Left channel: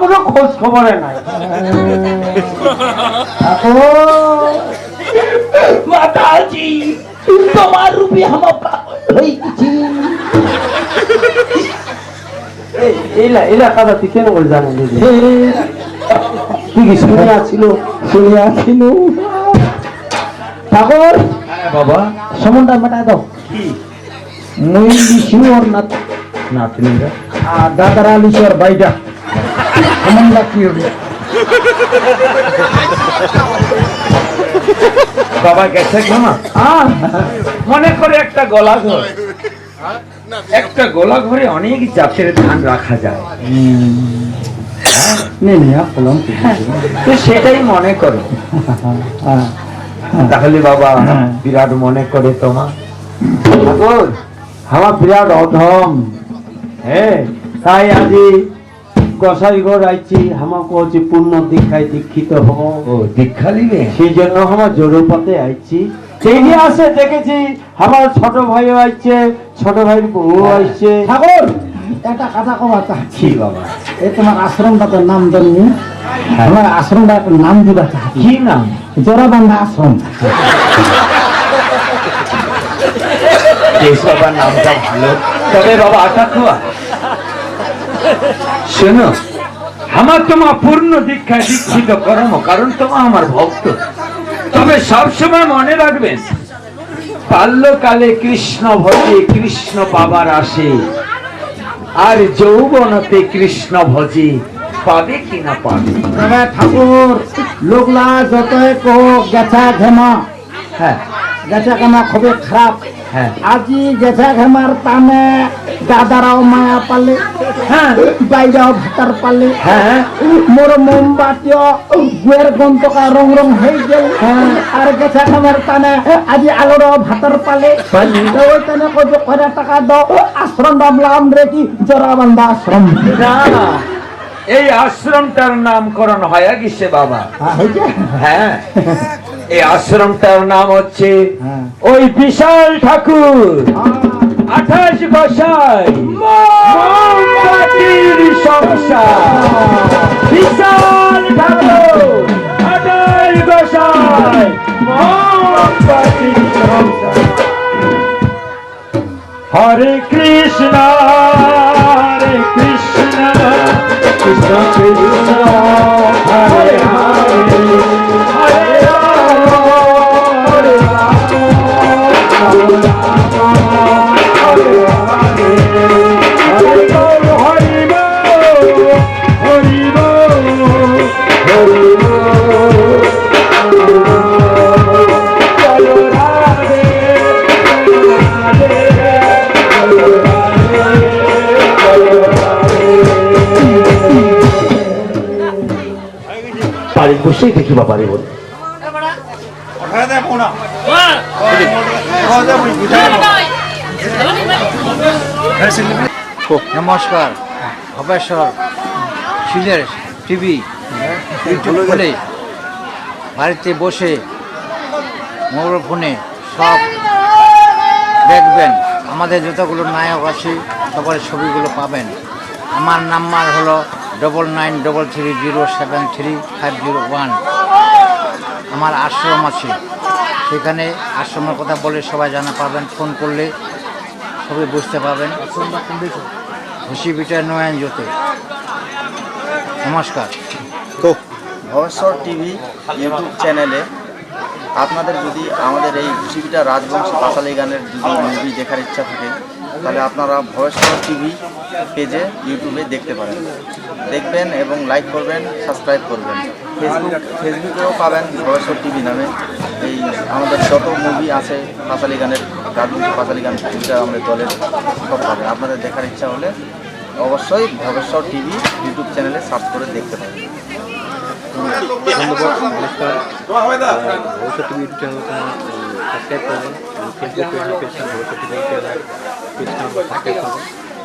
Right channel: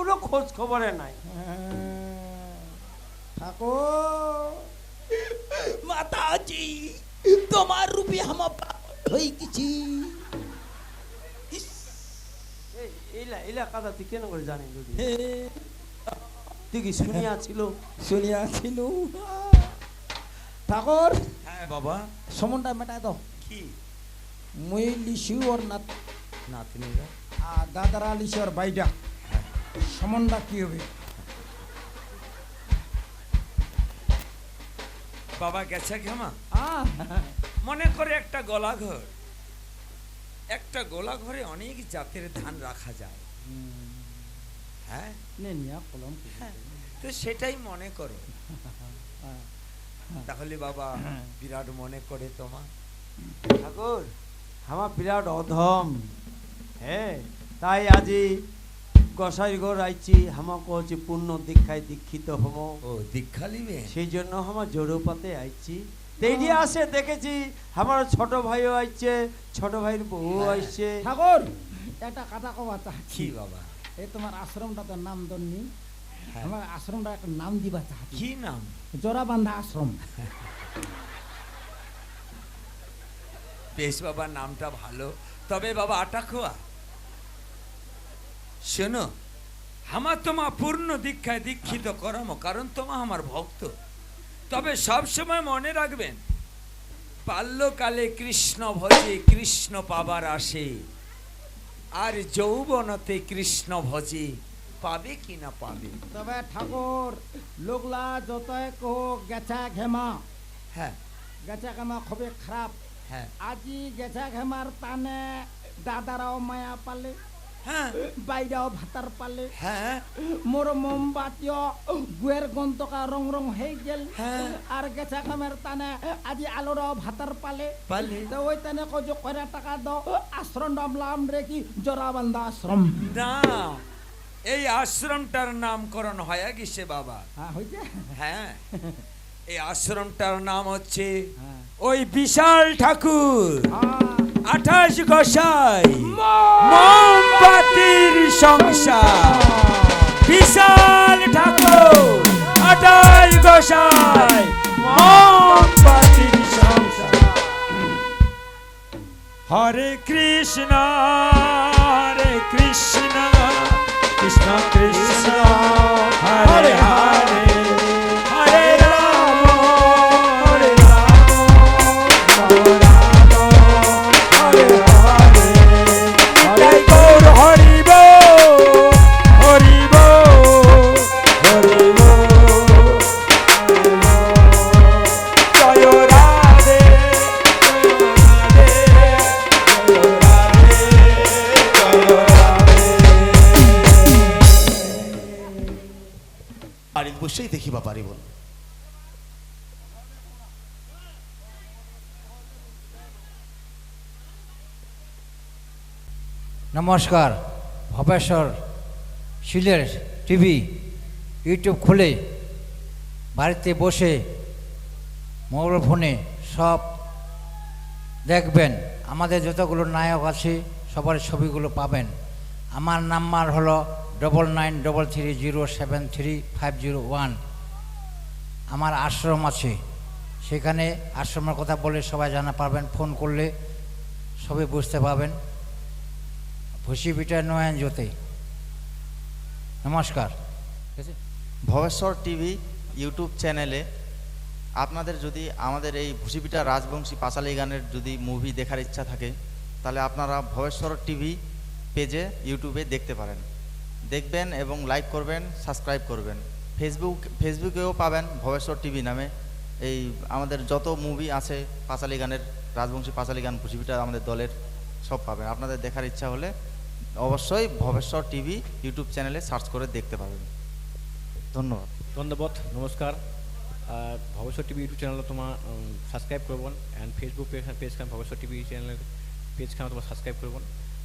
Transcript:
কোনো খোঁজ খবরে নাই তোমার রূপে এইলা এইলা কথা তুই কেন বলে জানি দিদি তুই কি শুনে আসছিল শুনিয়া ছিল ঠাকুর বাবা সমনটা মেটায় দাও। মুই লিখি ওর না না তুমি আর দাদারা লিখি ওর বাইটা সমনটা কি হবে? বাবা গেছে না হ্যাঁ মনে করে একটা গলা ঘর। একটা গোলা ঘরে অনেক জাতের ধান রাখা যায়। কলম তো সেটাই মনে করো। হ্যাঁ তাহলে বাবা হ্যাঁ। বিরাট মনে করে তোমা। ঠাকুর আমার বিরাট অধম। হ্যাঁ তাই আজি গোসাই ঘর আইছি আমার কহছি পূর্ণ দীক্ষায় দীক্ষিত হব ও দীক্ষা নিবে সেই জন্য আমার জোরপথে আইছি। যেই আসে দেখেছি আমার ছোট ভাইও আইছে ছোট ভাইয়ের বউ আইছে। ঠাকুর! একটা কথা কবা চাচ্ছি বাবা? এই তোমার আশ্রমটা তো নাম জানি। আমার আশ্রমটা একটা নাম দিবা কি নাম? জোড়াবান্ধা আশ্রম। কেশবার নামটা ভালো। তবে বাবা আটা খোয়া। শোনো আমার তোমার পূর্ণ দীক্ষায় দীক্ষিত কর্ম কারণ তোমা আমার ভক্ত। তবে সবসময় মনে রাখবেন বাল্যকালে কৃষ্ণ ভজে কৃষ্ণ পাবার আসে। আর যৌবনতে কৃষ্ণ ভজি পাবে কি না পাবে? তবে ঠাকুর লোকলা যতই কোক গেছা ঘেমা। হ্যাঁ। গেছা ঘেমা খুবই খারাপ। আজি গেছা ঘেমার টানে দাদারাও মায়া পালে হ্যাঁ। বাইরাও ভাতার পালে। হ্যাঁ। মোর মোমবাতিও গুয়ের গন্তকা রং রং হয়ে গেল। আর গেছা ঘেমার টানে আজি আলোর ভাতার পালে। ওই টানে কত করে টাকা দাও আশ্রম বাবলাম রে কি জোড়া বান্ধা আশ্রম এই আশ্রমটার নামকরণ হয়ে গেছে বাবা। হ্যাঁ? হ্যাঁ। এই আশ্রমটার নাম হচ্ছে হ্যাঁ। ওই বিশাল ঠাকুর। আঠাশ গোসাই মোমবাতির সংসার। বিশাল ঠাকুর। আঠাশ গোসাই মোমবাতির সংসার হরে কৃষ্ণ। দেখি বাবারে নমস্কার ভবেশ্বর সিলের টিভি খুলে বাড়িতে বসে মোবাইল ফোনে সব দেখবেন। আমাদের যতগুলো নায়ক আছে সবার ছবিগুলো পাবেন। আমার নাম্বার হলো double nine double three zero seven three five zero one আমার আশ্রম আছে। সেখানে আশ্রমের কথা বলে সবাই জানা পাবেন ফোন করলে সবাই বুঝতে পারবেন। পিঠা নয়ন জ্যোতি। নমস্কার। ভবেশ্বর টিভি ইউটিউব চ্যানেলে আপনাদের যদি আমাদের এই ঘুষিপিটা রাজবংশ পাতালি গানের যদি মুভি দেখার ইচ্ছা থাকে, তাহলে আপনারা ভবেশ্বর টিভি পেজে, ইউটিউবে দেখতে পারেন। দেখবেন এবং লাইক করবেন সাবস্ক্রাইব করবেন। ফেসবুক ফেসবুকেও পাবেন ভবেশ্বর টিভি নামে। এই আমাদের যত মুভি আছে পাতালি গানের, রাজবংশ পাতালি গান মুভিটা আমাদের দলের সব পাবেন আপনাদের দেখার ইচ্ছা হলে অবশ্যই ভবেশ্বর টিভি ইউটিউব চ্যানেলে সার্চ করে দেখতে ইউটিউব চ্যানেল সাবস্ক্রাইব করবেন। ফেসবুক সাবস্ক্রাইব করবেন।